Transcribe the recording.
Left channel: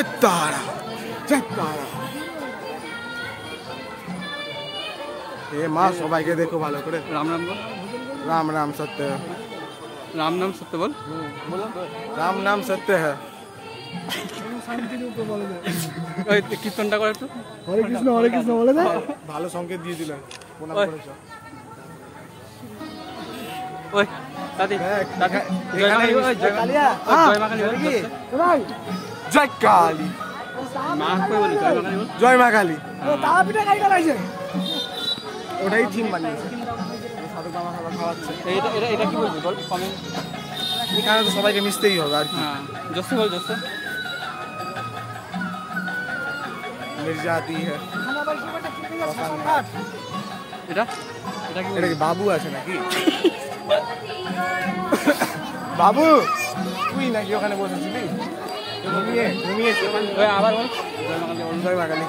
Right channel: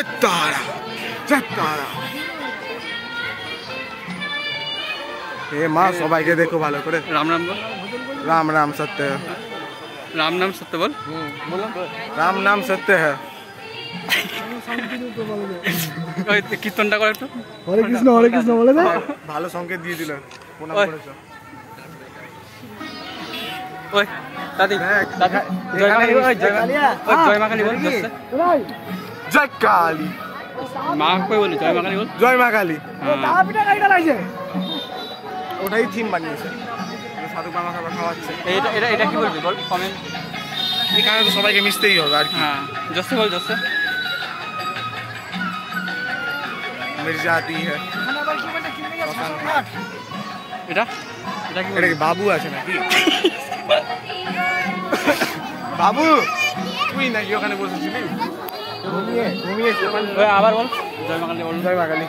जय तारा जय तारा। ये माँ सबाई के देखो भालो करे। राम राम बोल। राम राम सत्य है। राम नाम सत्य बोल। बोलो राम नाम सत्य है। কীর্তনটা করে একটু। হরে কৃষ্ণ বলে না। ভালো সংকেত দিয়ে দিলেন। প্রণাম করেছো। ওই দাদি দাদি জয় মা কালী। ওই জয় মা কালী বল। জয় কালী। মা কই বলি জয় মা কালী বল। জয় মা কালী। ও তারা পিঠা গাড়িটা লাগছে। ওটাই থিম বানিয়েছে। সাধু বাবা খাওয়াচ্ছে। এটা এটা এটা কি বলবি বল কমেন্ট। এখানে তো সবাইকে মিশতেই হবে আর কি। হ্যাঁ জোসে বল জোসে। মির্জা আতি হ্যাঁ। এটা এটা কি এটা কি বাবু আছে নাকি? বাবু তুই নাকি ওখানে বসেছিলি? ঘুমিয়ে ঘুমিয়ে আবার বল জয় মা কালী বল। জয় মা কালী।